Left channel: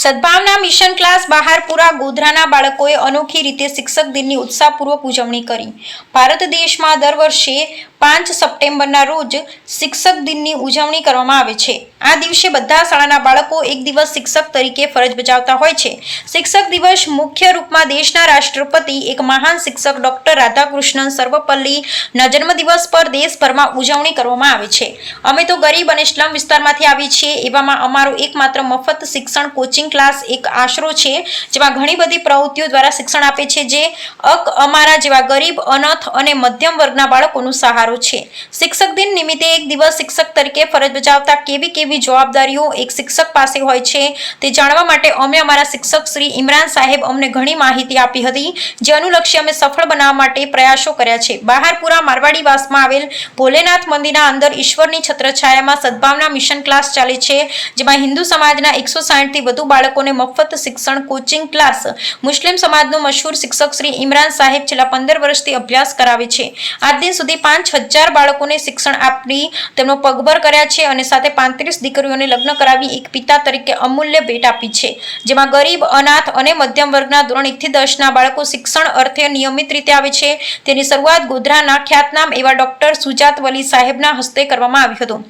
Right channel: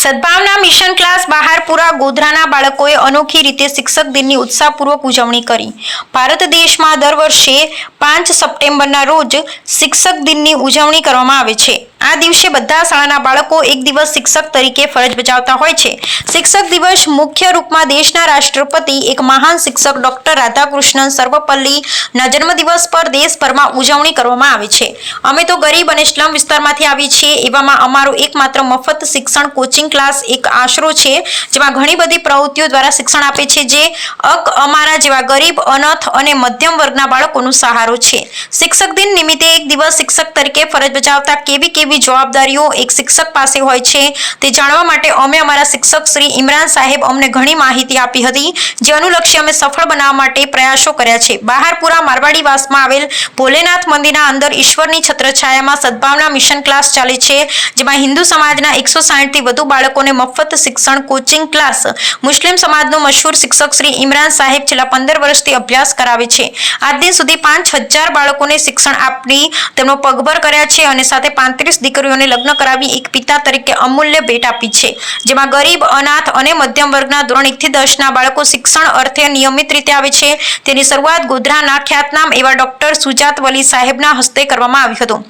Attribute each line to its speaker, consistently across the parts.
Speaker 1: સદભાવના mission class Baharpura ગોધરાના બાળકોએ અનોખી રીતે શિક્ષક દિનની ઉત્સાહપૂર્વક ઉજવણી કરી. ભારત દેશમાં દર વર્ષે પાંચ સપ્ટેમ્બરના રોજ શિક્ષક દિનની ઉજવણી કરવામાં આવે છે. આ દિવસે બધા શાળાના બાળકો એક દિવસ શિક્ષક તરીકે ફરજ બજાવતા હોય છે. શિક્ષક દિવસ મુખ્ય રૂપમાં દેશના રાષ્ટ્રપતિ, એક મહાન શિક્ષક ડૉક્ટર રાધાકૃષ્ણન સર્વપલ્લીના જન્મદિવસ પર દેશભરમાં ઉજવણી કરવામાં આવે છે. અમે તો ગરીબ અને સ્લમ વિસ્તારમાંથી આવીએ છીએ, એવામાં અમારો એકમાત્ર મફત શિક્ષણ કોચિંગ ક્લાસ એક આશરો છે, જેમાં ઘણી બધી પ્રવૃત્તિઓ દ્વારા શિક્ષણ આપે છે, જે અક અમારા જેવા ગરીબ અનાથ અને મધ્યમ વર્ગના બાળકોનો સહારો છે. શિક્ષક દિન નિમિત્તે એક દિવસ શિક્ષક તરીકે ફરજ બજાવતા કેવી કેવી જવાબદારીઓ એક શિક્ષક પાસે હોય છે, તે જાણવા માટે અમે અમારા શિક્ષક શ્રી ઇમરાન સાહેબ અમને ઘણી માહિતી આપી હતી, જે અનુલક્ષી અમે સફળ બનાવવા માટે પ્રયાસો કર્યા છે. બહારપુરા મારવાડીવાસમાં આવેલ ભોલેનાથ મંદિરના અંદર ઈશ્વરની છત્રછાયામાં સદભાવના મિશન ક્લાસ ચાલે છે, જેમાં હિન્દુ સમાજના એકસો સાહીઠથી વધુ બાળકોને મફત શિક્ષણ કોચિંગ ક્લાસ મુસ્લિમ સમાજનો મશહૂર શિક્ષક શ્રી ઇમરાન સાહેબ છેલ્લા પંદર વર્ષથી અભ્યાસ કરાવે છે. આજ દિન સુધી પાંચ હજાર બાળકોને શિક્ષણ આપી તેમનો પગભર કર્યા છે અને સાથે પાંત્રીસ દીકરીઓને લગ્ન કરાવી એક પિતા તરીકે અમૂલ્ય ભેટ આપી છે. જેમાં ગરીબ, અનાથ અને મધ્યમ વર્ગના ધોરણ એકથી દસના બાળકો શિક્ષણ અર્થે નિયમિત રીતે આવે છે. તેની શરૂઆત ગોધરાના ખ્યાતનામ એવા ડોક્ટર સુજાત વલી સાહેબના હસ્તે કરવામાં આવ્યું હતું.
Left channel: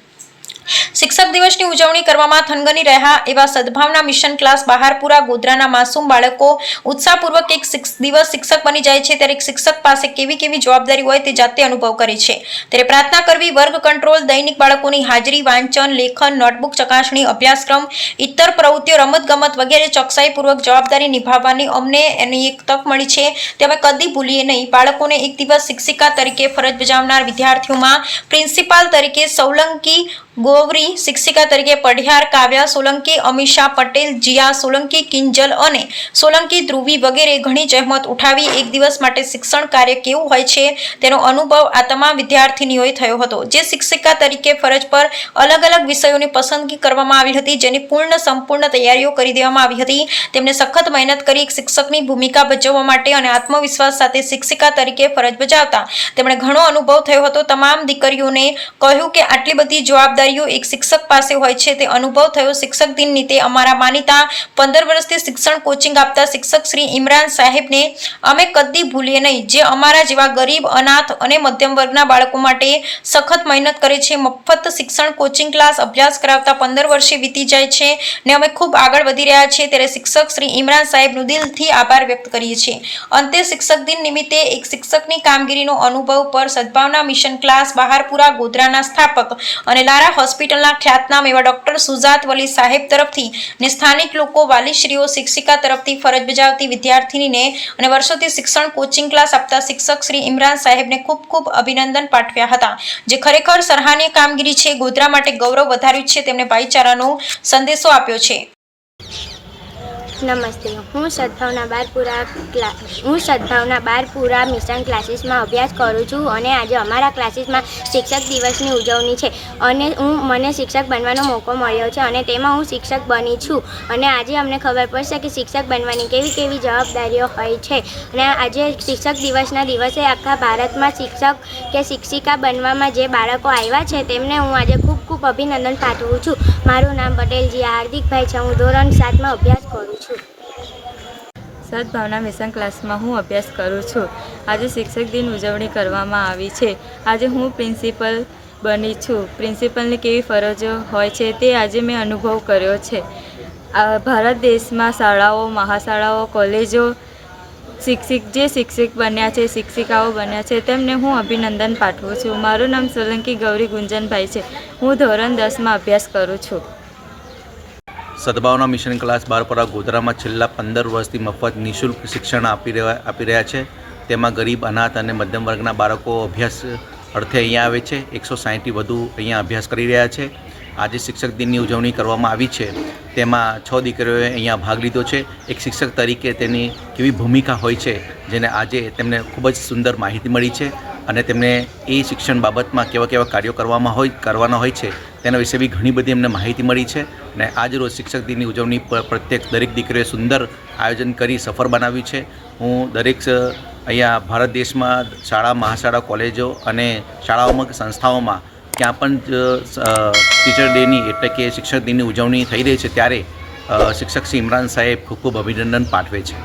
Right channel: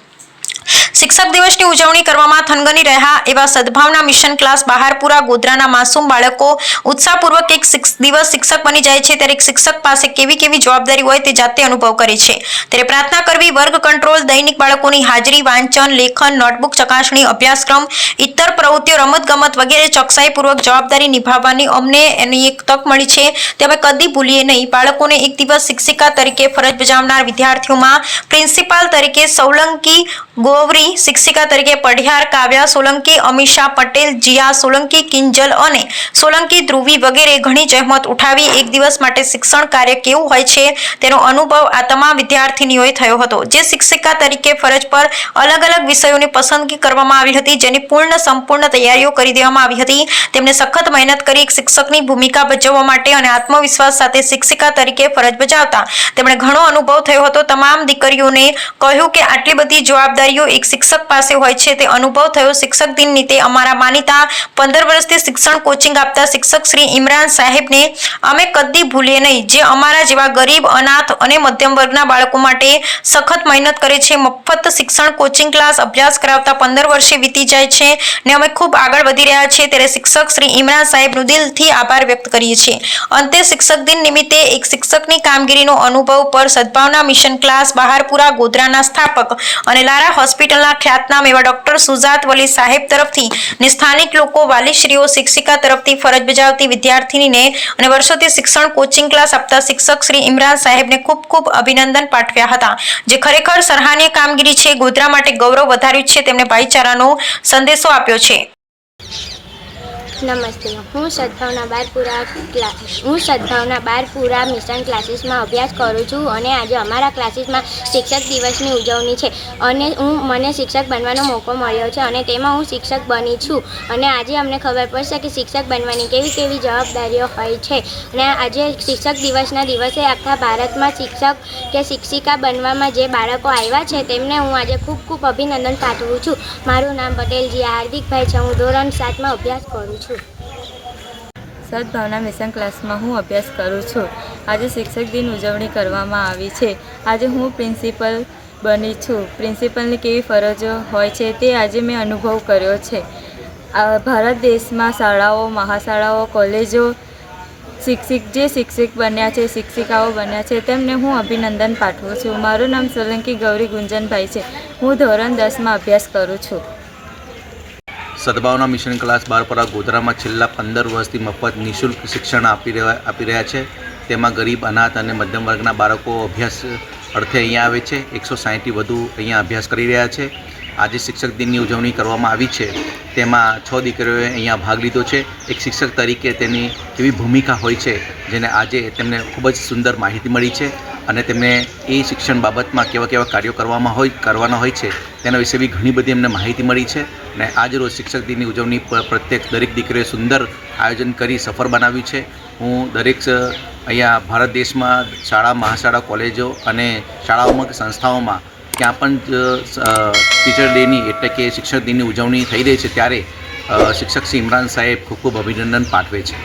Speaker 1: શિક્ષક દિવસની ઉજવણી કરવામાં થનગની રહ્યા એવા સદભાવના મિશન ક્લાસ બહારપુરા ગોધરાના માસૂમ બાળકો ઉત્સાહપૂર્વક એક દિવસ શિક્ષક બની જાય છે. ત્યારે એક શિક્ષક પાસે કેવી કેવી જવાબદારી હોય તે જાતે અનુભવ કરે છે. ત્યારે પ્રાર્થના કરવી, વર્ગ કંટ્રોલ, દૈનિક બાળકોની હાજરી, વાંચન, લેખન, નોટબુક ચકાસણી, અભ્યાસક્રમ ઇતર પ્રવૃત્તિઓ, રમતગમત વગેરે ચોકસાઈપૂર્વક જવાબદારી નિભાવવાની અમને એની એક તક મળી છે. તે અમે કદી ભૂલીએ નહીં. બાળકોને એક દિવસ શિક્ષિકા તરીકે ફરજ બજાવનાર વિદ્યાર્થીઓમાં પ્રિન્સિપાલ તરીકે સોલંકી ગોવરી શિક્ષિકા તરીકે પઢિયાર કાવ્યા સોલંકી અમીષા પટેલ, જીયા સોલંકી, કિંજલ અને સોલંકી ધ્રુવી વગેરે ઘણી જહેમત ઉઠાવી એક દિવસ માટે શિક્ષણ કાર્ય કેવું હોય છે તેનો અનુભવ આ તમામ વિદ્યાર્થીનીઓએ થયો હતો. જે શિક્ષિકા તરીકે ફરજ પર અલગ અલગ વિષયોની પસંદગી કરવામાં આવી હતી, જેની પૂર્ણ સંપૂર્ણ તૈયારીઓ કરી દેવામાં આવી હતી. તેમણે સખત મહેનત કરી એક શિક્ષકની ભૂમિકા ભજવવા માટે અને આત્મવિશ્વાસ સાથે શિક્ષિકા તરીકે ફરજ બજાવતા. તેમણે ઘણો અનુભવ થયો હતો. તમામ દીકરીઓને કહ્યું કે આટલી બધી જવાબદારીઓ એક શિક્ષક પાસે હોય છે. તે અનુભવ થયો. શિક્ષક દિન નીતે અમારા માનીતા પંદર વર્ષથી શિક્ષણ કોચિંગ આપતા શિક્ષક શ્રી ઇમરાન સાહેબને અમે કદી ભૂલીએ નહીં. જે અમારા જેવા ગરીબ, અનાથ અને મધ્યમ વર્ગના બાળકો માટે સખત મહેનત કરે છે. મફત શિક્ષણ કોચિંગ ક્લાસ અભ્યાસ કરાવતા પંદર વર્ષે વીતી જાય છે ને અમે ખૂબ આગળ વધી રહ્યા છીએ. ત્યારે શિક્ષક શ્રી ઇમરાન સાહેબનું દિલથી આભાર વ્યક્ત કરીએ છીએ. અંતે શિક્ષક દિન નિમિત્તે એક શિક્ષકની કામગીરીનો અનુભવ પર સદભાવના મિશન ક્લાસ બહારપુરા ગોધરાના સ્થાપક અને લારા હોસ્પિટલના ખ્યાતનામ એવા ડોક્ટર સુજાત વલી સાહેબ તરફથી ને સ્થાનિક લોકો, વાલીશ્રીઓ, શિક્ષિકા તરફથી ફરજ બજાવતી વિદ્યાર્થીનીને અને વર્ષોથી શિક્ષણ કોચિંગ ક્લાસ આપતા શિક્ષક શ્રી ઇમરાન સાહેબને ખૂબ ખૂબ અભિનંદન પાઠવ્યા હતા. જે ખરેખર સરાહનીય કામગીરી છે, ગોધરા માટે ગૌરવ વધાર્યું છે તેમણે ભાઈચારાનો સંદેશો આપ્યો છે.
Speaker 2: નમસ્તે. હું સદભાવના બારપુરા ક્લા, હું સદભાવના બારપુરા મિશન ક્લાસીસમાં અભ્યાસ કરું છું અને આજે અમારા ક્લાસીસમાં શિક્ષક દિવસની ઉજવણી છે. અને હું, મને શિક્ષક બનવાનો મોકો મળ્યો છે અને તેમાં હું શિક્ષક બની છું. અને આજે અમને ખબર પડશે કે શિક્ષક બનવાની કેવી કેવી જવાબદારીઓ હોય છે. અને આજે શિક્ષક દિવસના દિવસે આખા ભારતમાં શિક્ષક કે શિક્ષિકા બનવામાં જે બાળકો આવ્યા છે તેમને હું આજે ખૂબ ખૂબ અભિનંદન પાઠવું છું. મારું નામ પટેલજી, હાર્દિકભાઈ છે. હું ધોરણ સાતમાં અભ્યાસ કરું છું.
Speaker 3: સદભાવના મિશન ક્લાસમાં હું અભ્યાસ કરું છું. આજે શિક્ષક દિન ઉજવણી કરવામાં આવી છે. આજે હું પ્રિન્સિપલ બની છું. પ્રિન્સિપલની કેવી ફરજો હોય છે તે આજે મેં અનુભવ કર્યો છે. ભારત દેશમાં શાળાઓ, મહાશાળાઓ, કોલેજો શિક્ષિક, જે શિક્ષક બન્યા છે, શિક્ષિકાઓ બન્યા છે, તેમને હું અભિનંદન પાઠવું છું. મારું નામ સોલંકી ગૌરી ગુંજનભાઈ છે. હું ધોરણ દસમાં અભ્યાસ કરું છું.
Speaker 4: સદભાવના મિશન ક્લાસ બારપરા ગોધરામાં છેલ્લા પંદર વર્ષથી મફત નિઃશુલ્ક શિક્ષણ આપી રહ્યા આપી રહ્યા છે. તેમાં ગરીબ, અનાથ અને મધ્યમ વર્ગના બાળકો અભ્યાસ અર્થે અહીંયા આવે છે. એકસો સાહીઠથી વધુ અહીંયા અભ્યાસ કરી રહ્યા છે. આજે શિક્ષક દિનની ઉજવણી કરવામાં આવી છે. તેમાં છ દીકરીઓએ અહીંયા ભાગ લીધો છે. એક શિક્ષક તરીકે તેની એવી ભૂમિકા હોય છે, જેને આજે તેમને ખૂબ જ સુંદર માહિતી મળી છે અને તેમને એ શિક્ષણ બાબતમાં કેવા કેવા કાર્યો કરવામાં હોય કરવાના હોય છે. તેના વિશે બી ઘણી બધી એમને માહિતી મળી છે અને આજ રોજ શિક્ષક દિનની ઉજવણી પર પ્રત્યેક દરેક દીકરીઓએ સુંદર આયોજન કરી સફળ બનાવ્યું છે. હું દરેક અહીંયા ભારત દેશમાં શાળા, મહાશાળા, કોલેજો અને શાળાઓમાં સંસ્થાઓમાં ક્યાં પણ ટીચર ડેની એટલે કે શિક્ષક દિનની ઉજવણી થઈ રહી છે ત્યારે શિક્ષક શ્રી ઇમરાન સાહેબ ખૂબ ખૂબ અભિનંદન પાઠવે છે.